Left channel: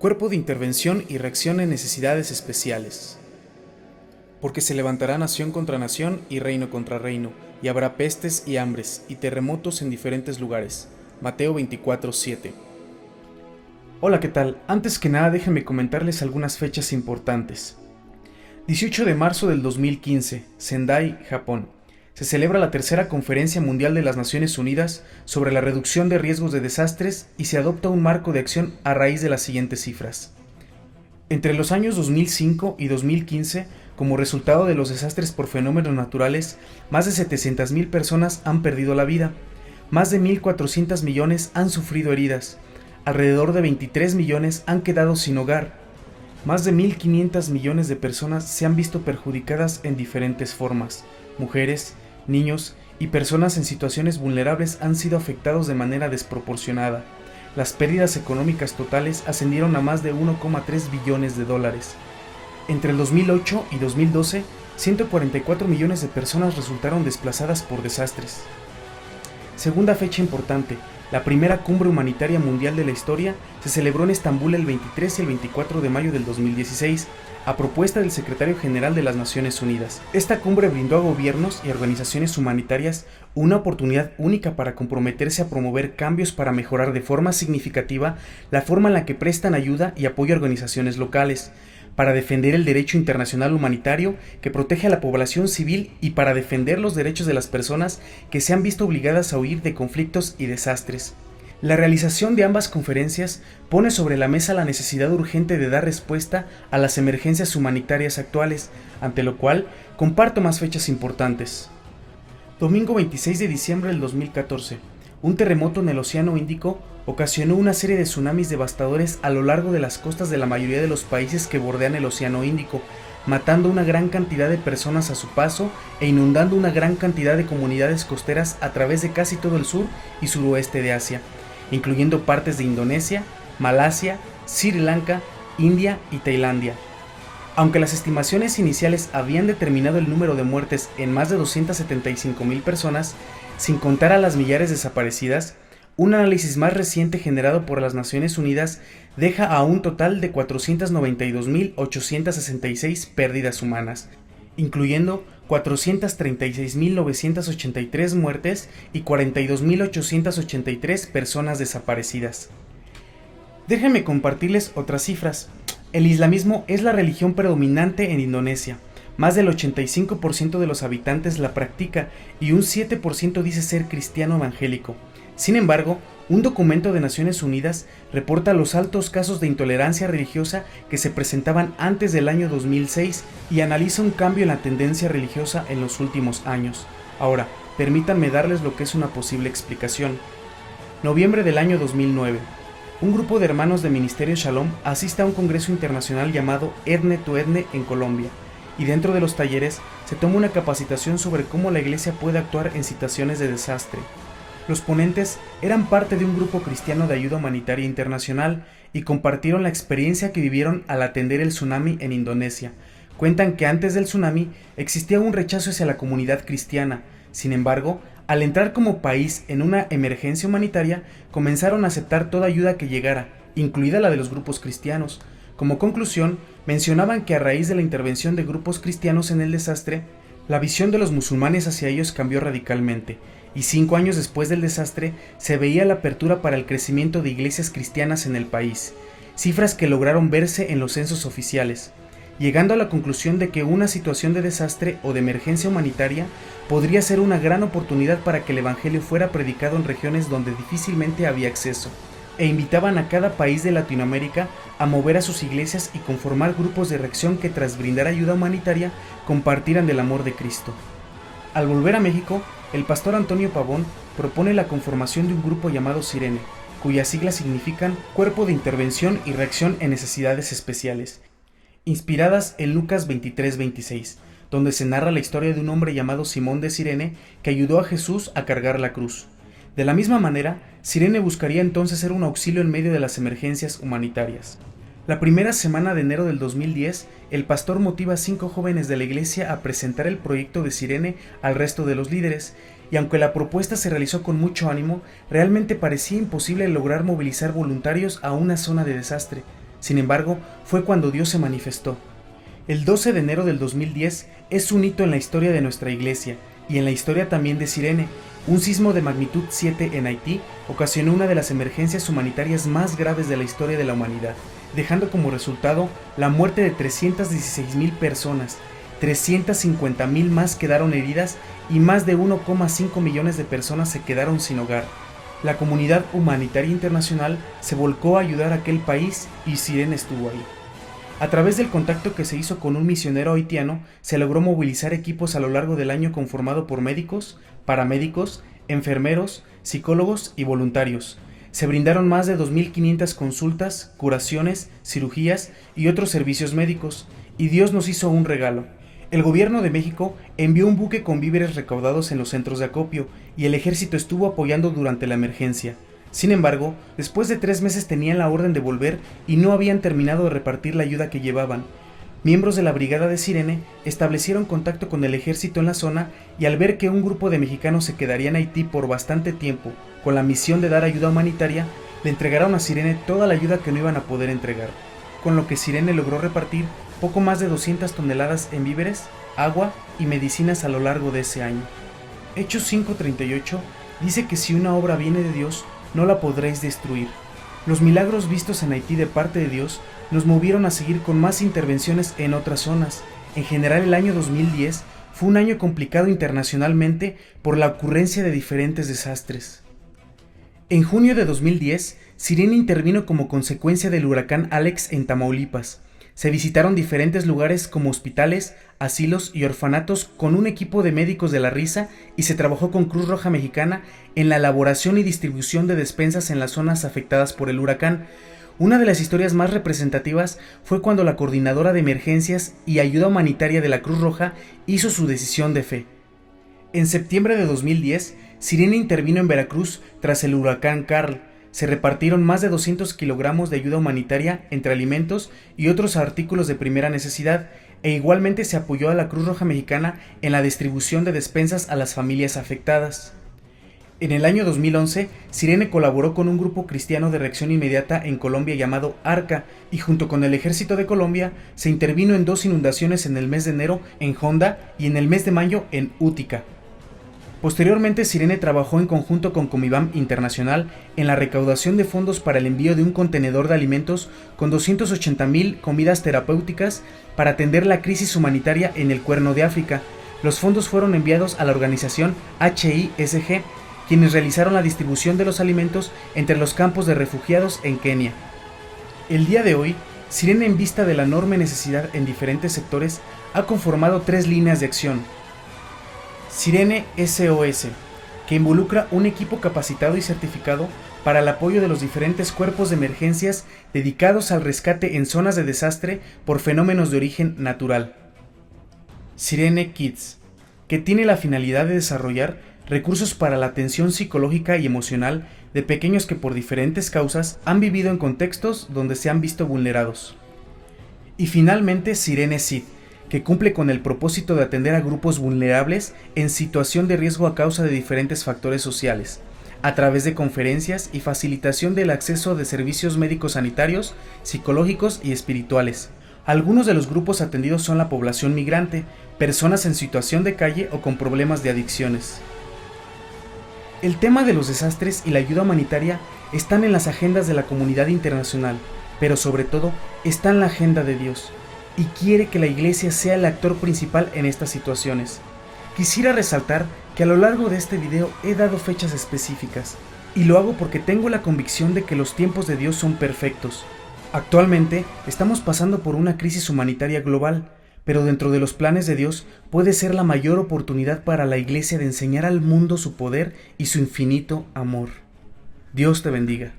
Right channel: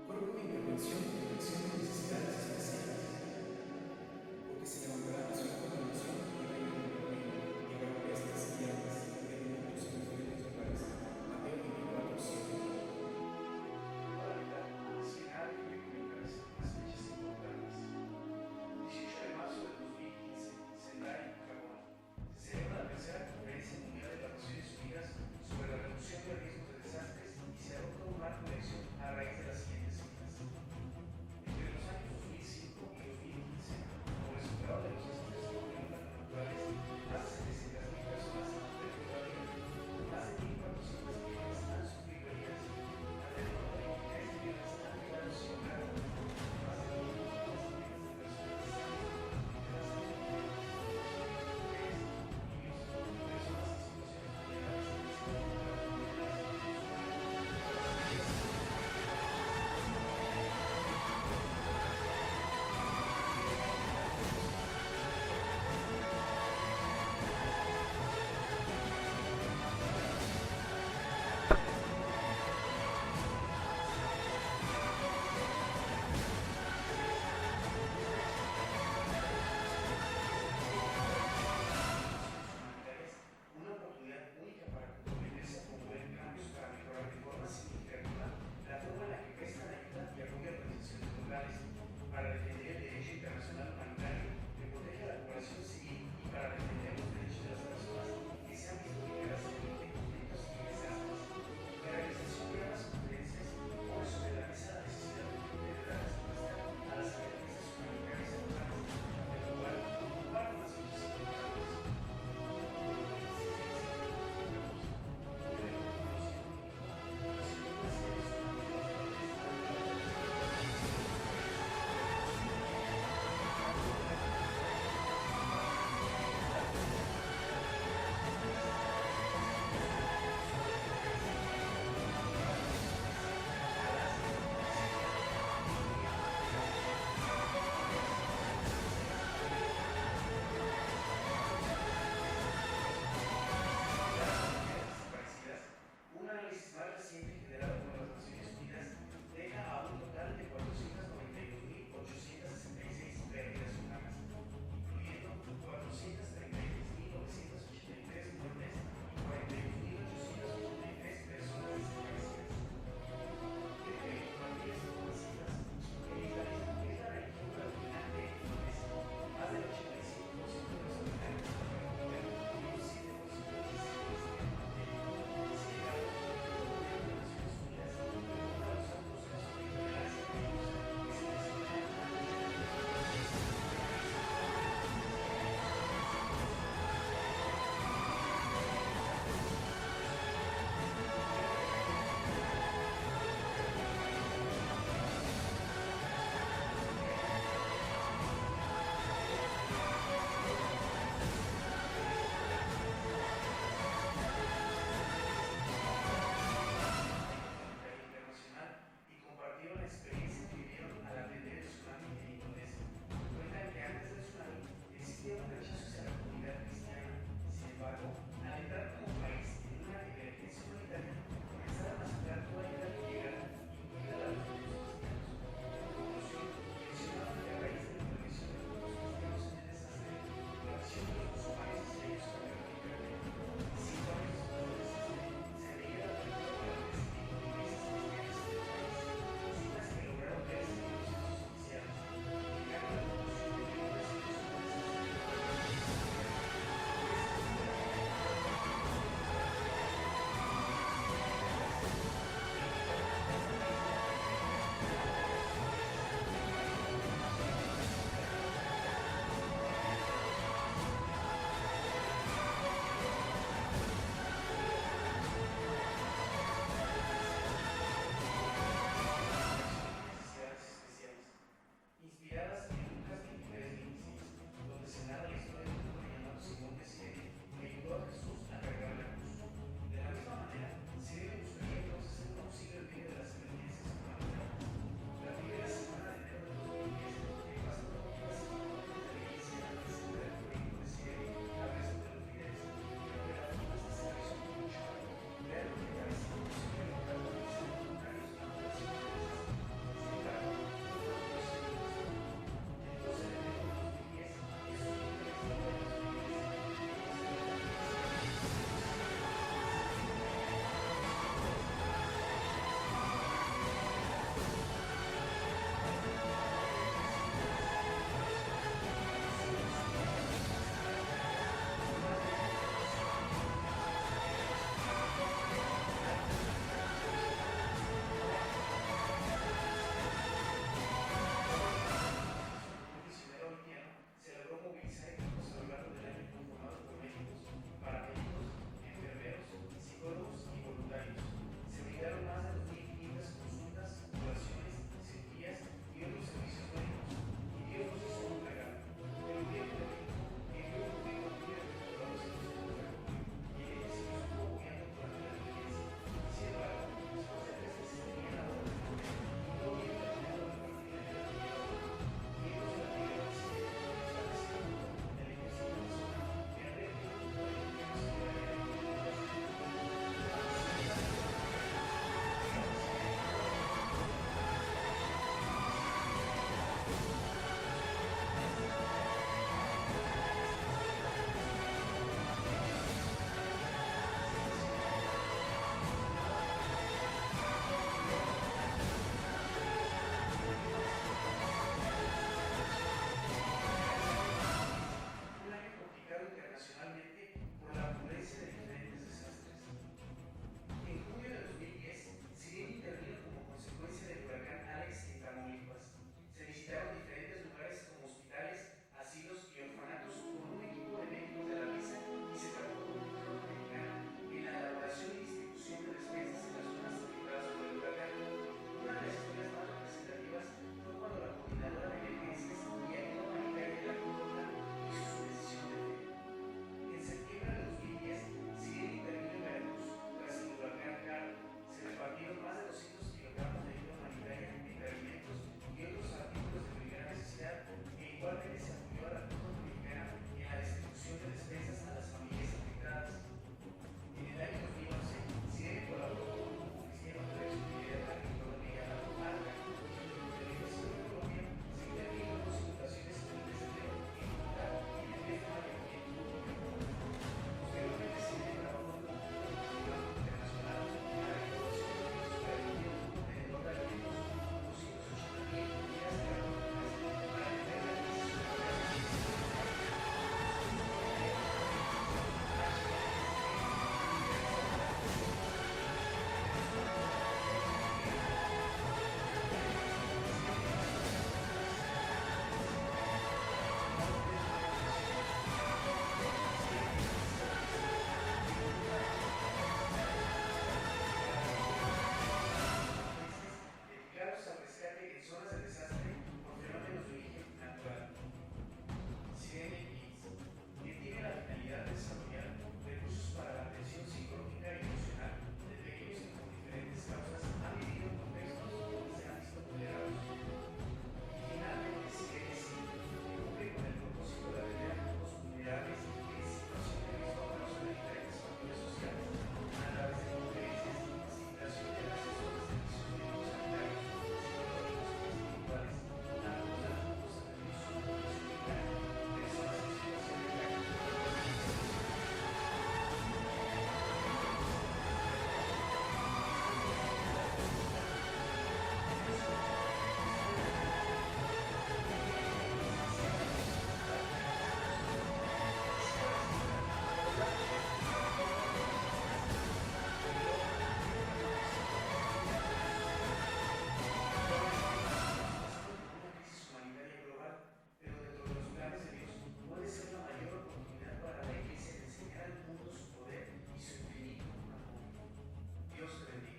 Cuerpo de Intervención y Reacción en Necesidades Especiales. Porque se levantará nación contra nación y reino contra reino, y habrá pestes y hambres y terremotos en diferentes lugares. Mateo 24:7. Hola, ¿qué tal? Antes que nada déjenme comentarles algunas fechas importantes. 18 de marzo del 2015, Sendai, Japón. Se celebra la tercera Conferencia Mundial de las Naciones Unidas sobre la reducción de riesgos de desastres y se adopta un marco de acción a raíz de las siguientes cifras. Entre los años 2005 y 2015, como resultado de los desastres por fenómenos naturales, más de 700.000 personas han perdido la vida, más de 1.400 millones han sufrido heridas, alrededor de 23 millones han quedado sin hogar, más de 1.500 millones de personas se han visto perjudicadas en diferentes formas. Mujeres, niños y personas en situaciones vulnerables han sido afectados de manera desproporcionada. Las pérdidas económicas totales ascendieron a más de 1,3 billones de dólares. Entre el 2008 y 2012, 144 millones de personas resultaron desplazadas por desastres. Segunda fecha importante, la primera cumbre humanitaria mundial de la historia se celebró en Estambul el 23 y el 24 de mayo del 2016, a propuesta del Secretario General de las Naciones Unidas. Esta cumbre brindó a gobiernos y organizaciones humanitarias una oportunidad única para comprometerse a promover cambios para mejorar de forma significativa la forma en la que prestan ayuda y apoyo a organizaciones locales, para defender el derecho internacional humanitario que protege a la población civil y para defender los derechos de las personas que se han visto obligadas a huir de conflictos y desastres. La realización de ambas conferencias pone sobre la mesa la necesidad urgente de dar respuesta a las emergencias humanitarias actuales, ante lo cual comparto más fechas importantes. Domingo 26 de diciembre del 2014. Un terremoto en el Océano Índico ocasionó una serie de tsunamis devastadores a lo largo de las costas de la mayoría de los países que bordean el Océano Índico, matando una gran cantidad de personas a su paso e inundando una gran cantidad de comunidades costeras a través de casi todo el sur y suroeste de Asia, incluyendo partes de Indonesia, Malasia, Sri Lanka, India y Tailandia. Aunque las estimaciones iniciales habían determinado el número de muertes en más de 275.000 personas, sin contar a las millares desaparecidas, un análisis más reciente generado por las Naciones Unidas deja a un total de 492.866 pérdidas humanas, incluyendo 436.983 muertes y 42.883 personas desaparecidas. Déjenme compartirles otras cifras. El islamismo es la religión predominante en Indonesia. Más del 85% de los habitantes la practica y un 7% dice ser cristiano evangélico. Sin embargo, un documento de Naciones Unidas reporta los altos casos de intolerancia religiosa que se presentaban antes del año 2006 y analiza un cambio en la tendencia religiosa en los últimos años. Ahora, permítanme darles lo que es una posible explicación. Noviembre del año 2009. Un grupo de hermanos de Ministerio Shalom asiste a un congreso internacional llamado Etne to Etne en Colombia, y dentro de los talleres se toma una capacitación sobre cómo la iglesia puede actuar en situaciones de desastre. Los ponentes eran parte de un grupo cristiano de ayuda humanitaria internacional y compartieron la experiencia que vivieron al atender el tsunami en Indonesia. Cuentan que antes del tsunami existía un rechazo hacia la comunidad cristiana. Sin embargo, al entrar como país en una emergencia humanitaria, comenzaron a aceptar toda ayuda que llegara, incluida la de los grupos cristianos. Como conclusión, mencionaban que a raíz de la intervención de grupos cristianos en el desastre, la visión de los musulmanes hacia ellos cambió radicalmente, y 5 años después del desastre se veía la apertura para el crecimiento de iglesias cristianas en el país, cifras que lograron verse en los censos oficiales, llegando a la conclusión de que una situación de desastre o de emergencia humanitaria podría ser una gran oportunidad para que el evangelio fuera predicado en regiones donde difícilmente había acceso, e invitaban a cada país de Latinoamérica a mover a sus iglesias y conformar grupos de reacción que tras brindar ayuda humanitaria compartieran del amor de Cristo. Al volver a México, el pastor Antonio Pavón propone la conformación de un grupo llamado Sirene, cuyas siglas significan Cuerpo de Intervención y Reacción en Necesidades Especiales, inspiradas en Lucas 23:26, donde se narra la historia de un hombre llamado Simón de Cirene que ayudó a Jesús a cargar la cruz. De la misma manera, Sirene buscaría entonces ser un auxilio en medio de las emergencias humanitarias. La primera semana de enero del 2010, el pastor motiva a 5 jóvenes de la iglesia a presentar el proyecto de Sirene al resto de los líderes, y aunque la propuesta se realizó con mucho ánimo, realmente parecía imposible lograr movilizar voluntarios a una zona de desastre. Sin embargo, fue cuando Dios se manifestó. El 12 de enero del 2010 es un hito en la historia de nuestra iglesia y en la historia también de Cirene. Un sismo de magnitud 7 en Haití ocasionó una de las emergencias humanitarias más graves de la historia de la humanidad, dejando como resultado la muerte de 316,000 personas, 350,000 más quedaron heridas y más de 1,5 millones de personas se quedaron sin hogar. La comunidad humanitaria internacional se volcó a ayudar a aquel país y Cirene estuvo ahí. A través del contacto que se hizo con un misionero haitiano, se logró movilizar equipos a lo largo del año conformado por médicos, paramédicos, enfermeros, psicólogos y voluntarios. Se brindaron más de 2,500 consultas, curaciones, cirugías y otros servicios médicos, y Dios nos hizo un regalo. El gobierno de México envió un buque con víveres recaudados en los centros de acopio, y el ejército estuvo apoyando durante la emergencia. Sin embargo, después de 3 meses tenían la orden de volver y no habían terminado de repartir la ayuda que llevaban. Miembros de la brigada de Cirene establecieron contacto con el ejército en la zona y al ver que un grupo de mexicanos se quedaría en Haití por bastante tiempo con la misión de dar ayuda humanitaria, le entregaron a Cirene toda la ayuda que no iban a poder entregar, con lo que Cirene logró repartir poco más de 200 toneladas en víveres, agua y medicinas a lo largo de ese año. Hechos 5:38 dice que si una obra viene de Dios, no la podréis destruir. Los milagros vistos en Haití de parte de Dios nos movieron a seguir con más intervenciones en otras zonas. En general, el año 2010 fue un año complicado internacionalmente por la ocurrencia de diferentes desastres. En junio de 2010, Cirene intervino como consecuencia del huracán Alex en Tamaulipas. Se visitaron diferentes lugares como hospitales, asilos y orfanatos con un equipo de médicos de la risa y se trabajó con Cruz Roja Mexicana en la elaboración y distribución de despensas en las zonas afectadas por el huracán. Una de las historias más representativas fue cuando la coordinadora de emergencias y ayuda humanitaria de la Cruz Roja hizo su decisión de fe. En septiembre de 2010, Cirene intervino en Veracruz tras el huracán Karl. Se repartieron más de 200 kilogramos de ayuda humanitaria entre alimentos y otros artículos de primera necesidad, e igualmente se apoyó a la Cruz Roja Mexicana en la distribución de despensas a las familias afectadas. En el año 2011, Cirene colaboró con un grupo cristiano de reacción inmediata en Colombia llamado Arca, y junto con el Ejército de Colombia se intervino en 2 inundaciones en el mes de enero en Honda y en el mes de mayo en Útica. Posteriormente, Cirene trabajó en conjunto con Comibam Internacional en la recaudación de fondos para el envío de un contenedor de alimentos con 280,000 comidas terapéuticas para atender la crisis humanitaria en el Cuerno de África. Los fondos fueron enviados a la organización HISG, quienes realizaron la distribución de los alimentos entre los campos de refugiados en Kenia. El día de hoy, Cirene, en vista de la enorme necesidad en diferentes sectores, ha conformado 3 líneas de acción. Cirene SOS, que involucra un equipo capacitado y certificado para el apoyo de los diferentes cuerpos de emergencias dedicados al rescate en zonas de desastre por fenómenos de origen natural. Cirene Kids, que tiene la finalidad de desarrollar recursos para la atención psicológica y emocional de pequeños que por diferentes causas han vivido en contextos donde se han visto vulnerados. Y finalmente Cirene SID, que cumple con el propósito de atender a grupos vulnerables en situación de riesgo a causa de diferentes factores sociales, a través de conferencias y facilitación del acceso de servicios médicos sanitarios, psicológicos y espirituales. Algunos de los grupos atendidos son la población migrante, personas en situación de calle o con problemas de adicciones. El tema de los desastres y la ayuda humanitaria están en las agendas de la comunidad internacional, pero sobre todo está en la agenda de Dios, y quiere que la iglesia sea el actor principal en estas situaciones. Quisiera resaltar que a lo largo de este video he dado fechas específicas, y lo hago porque tengo la convicción de que los tiempos de Dios son perfectos. Actualmente estamos pasando por una crisis humanitaria global, pero dentro de los planes de Dios puede ser la mayor oportunidad para la iglesia de enseñar al mundo su poder y su infinito amor. Dios te bendiga.